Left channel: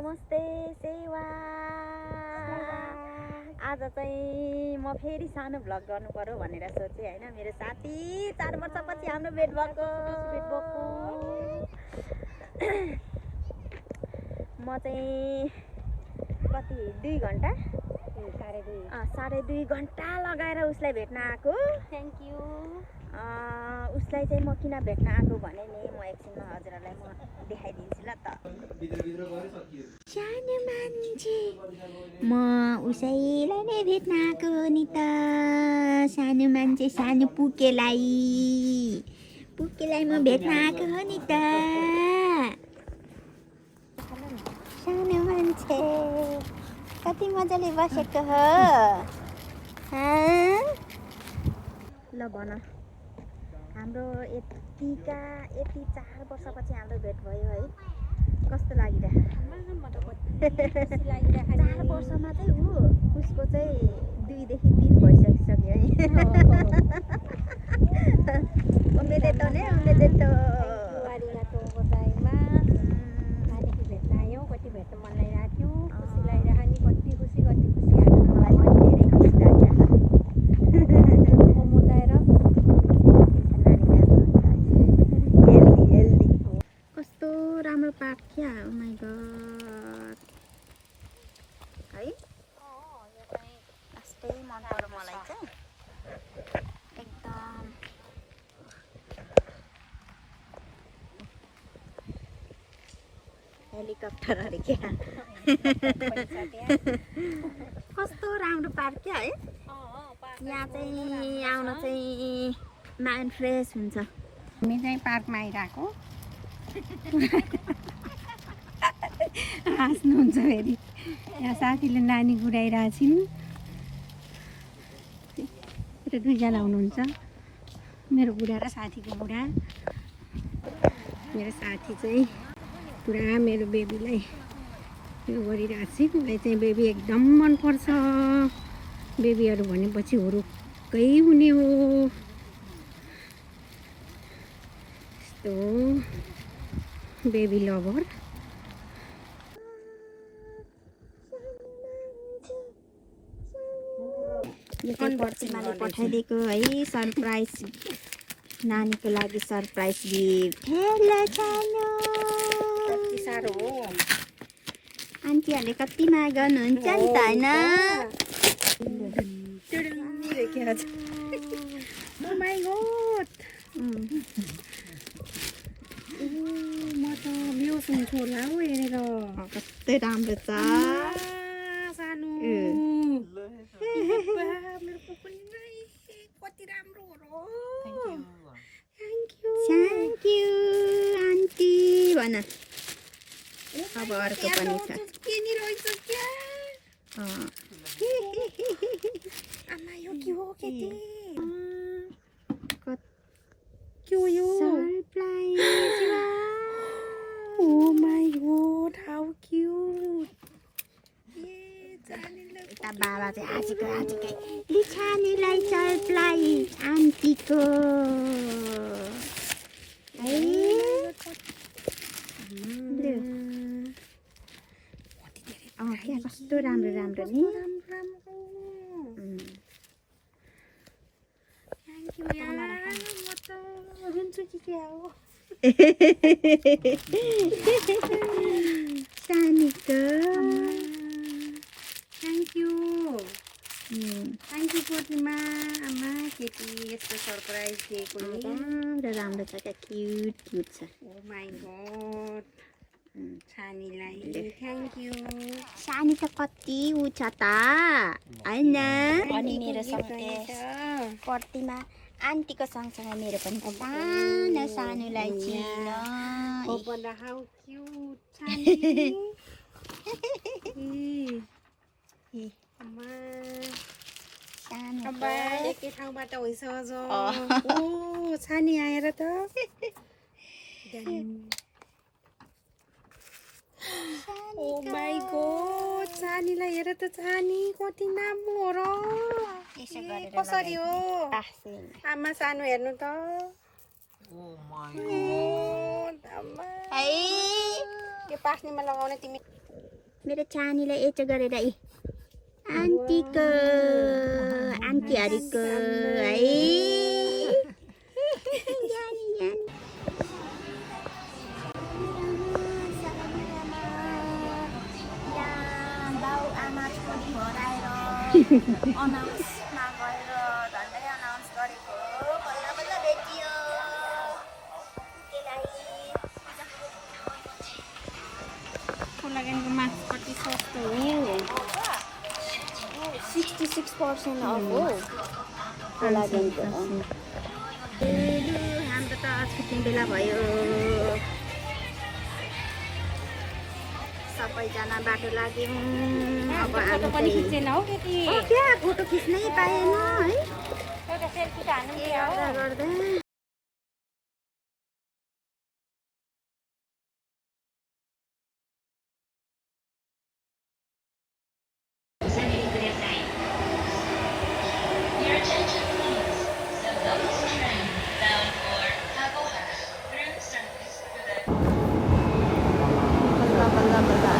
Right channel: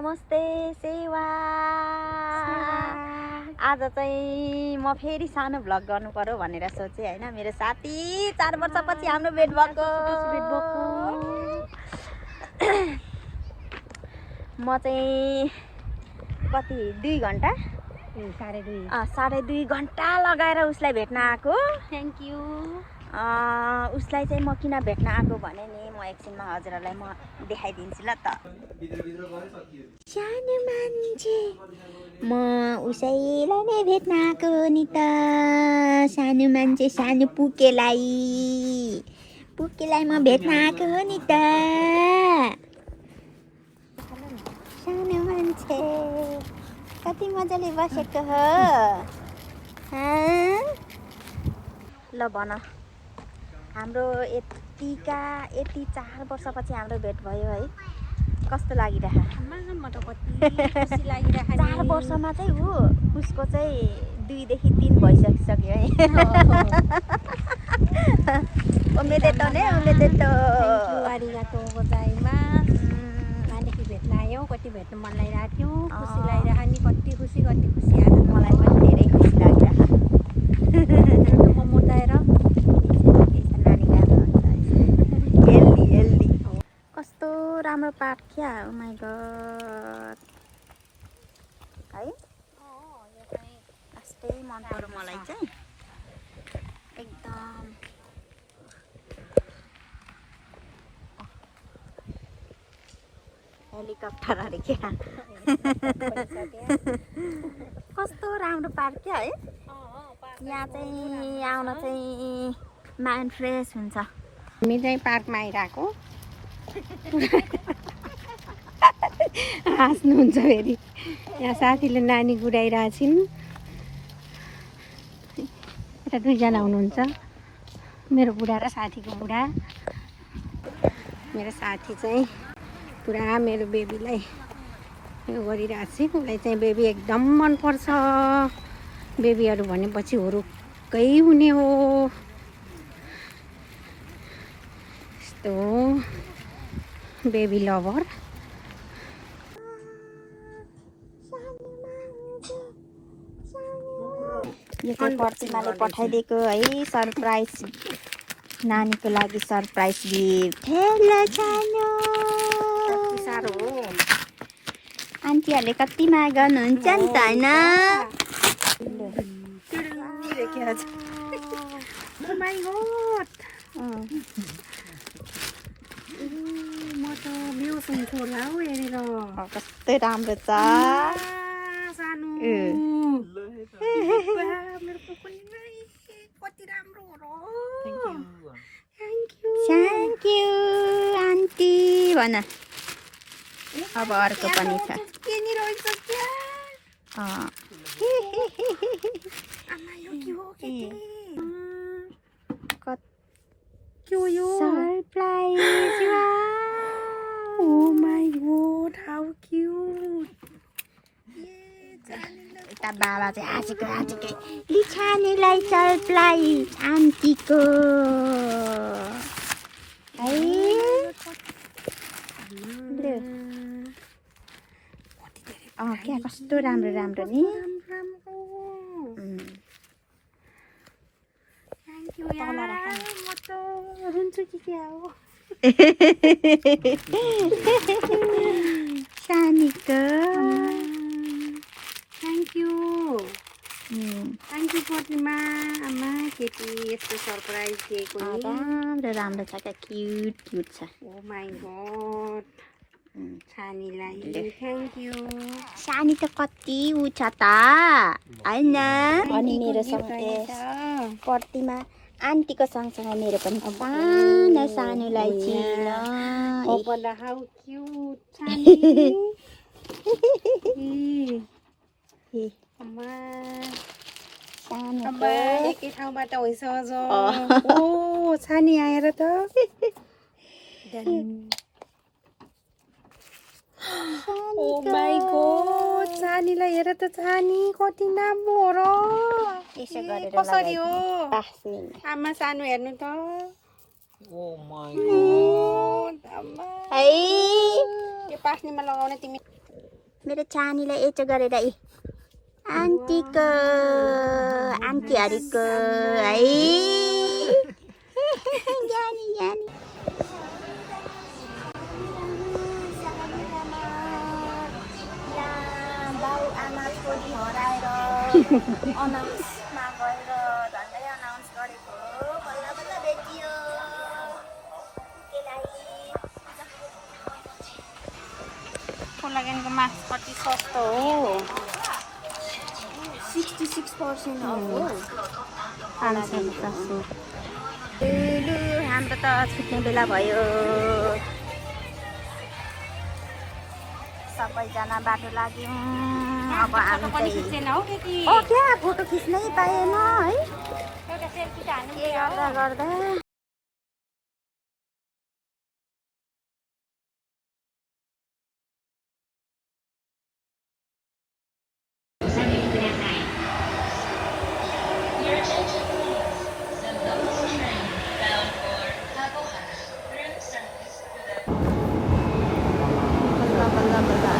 नमस्ते सेवा। आज चाहिँ म फेरि सानो भ्लग गर्नु पर्यो भनेर सोचेँ हैन। मेरो साथी 4 वर्षपछि हाम्रो भेट भएको। म चाहिँ कति 2 घण्टा 2.5 घण्टा लगाएर उसलाई भेट्न आएको। Thank you. उसलाई चाहिँ म किन भेट्न आएको भने नि म एकछिनमा हजुरहरूलाई म देखाइदिन्छु ल त। सानो मान्छे म उसैलाई नै भेट्न आएको नि त। सानो मान्छे सानो पुकेलाई म भेट्न आएको हो नि त। सानो मान्छे कति मजाले बसेको हो। ल भन, हाम्रो यति 4 वर्षपछि हाम्रो भेट भयो है। कस्तो लागिरहेको? 4 वर्षमा चाहिँ उसको चाहिँ 2 देखि 3 भइसक्यो है। ओमेदेतो ने ओमेदेतो। आरिगातो गोजाइमास। नानीको भेट्न आयौ, कति भेट्न मन लागिरहेको थियो। खुसी लागिरहेको नि, कति खुसी आज मलाई पनि धेरै खुसी लागिरहेको। मोमो ताएर हेल्दी कस्तो राम्रो पार्क क्या। ओ माय गॉड है। कस्तै मन पर्यो मलाई चाहिँ एकदम। हेलिकप्टर अरे क्या। कस्तो राम्रो पार्क क्या है। यहाँ चाहिँ आउन चाहिँ माइन्ड फ्रेस हुन्छ। हामी चाहिँ पार्कमा आइरहेको। हाँस्नुहुन्छ फेरि। यहाँ साथीले नानी गुडाइरहेको छिन्। यता 2 जना हुनुहुन्छ, मेरो बुढा र साथीको बुढा। मेरो साथी चाहिँ पुरा मेरो बेबीलाई यो गरिरहेको छ। उसलाई चाहिँ बेबी एकदम मनपर्छ। बेबीहरू भनेपछि हुरुक्कै हुने हो। यस्तो बेबी लभर। यो चाहिँ प्रतिमाले पठाइदिएको है सरप्राइज। नानीको लागि सरप्राइज गिफ्ट। हेलो सानो। साह्रो हो। आन्टीहरूले कति माया गर्नुहुन्छ नि त हैन। Oh my god. म त बेहोस हुन्छु होला हौ हेरेर। कस्तै राम्रो छ। सानो मेरो पुपुली कति राम्रो हो र। थ्याङ्क यू आन्टी भन। अब अर्को पनि छ। के नि रहेछ क्या। आमा यो के हो केटी। के हो यो? Surprise. Oh my god how cute. यता बाबा चाहिँ हाँसेकै लिछानेलाई सरप्राइज आन्टीको है। क्या कस्तो राम्रो राम्रो नि। थ्याङ्क यू यार। म त रुन्छु कि क्या हो। सानीको थ्याङ्क यू प्रतिमा। आमा केटी यस्तो सरप्राइज दिएको नि। राम्रो छ क्या। क्युट छ। Oh my god. सानीलाई थ्याङ्क यू। सानी त कति उ छ त हैन। अनि मेरो सँगै प्रतिमा आन्टीको सँगसँगै मेरो पनि सानोलाई चिन। हाउ क्यूट सानी। आमा सानो एकै ठाउँबाट होइस अझ। ओ सानी आएर त। ओ माई गॉड सानीलाई हेर त। सानी कति राम्रो हो र। यसो गरेर कसरी हो आमा सानो हेर्नु त। ओ माई गॉड आमा है पास्नेमा लगाउने तिमी मेरो चानीलाई यच गरेर आन्टीको आन्टीहरूको है ज्ञानी ज्ञानी बाउ आमा छोरी हराएर अनाउन्समा गएर झन्डै अनाउन्स गरेको बल्ल बल्ल भेटियो कोलागेनको मास्क कति सस्तो हो 66% हाम्रो त छुट्ने बेला भयो सबैजना बाटो लाग्यौँ अब हामी त्यहाँ फोटो खिच्नै पाएन है के गर्दा गर्दा बल्ल बल्ल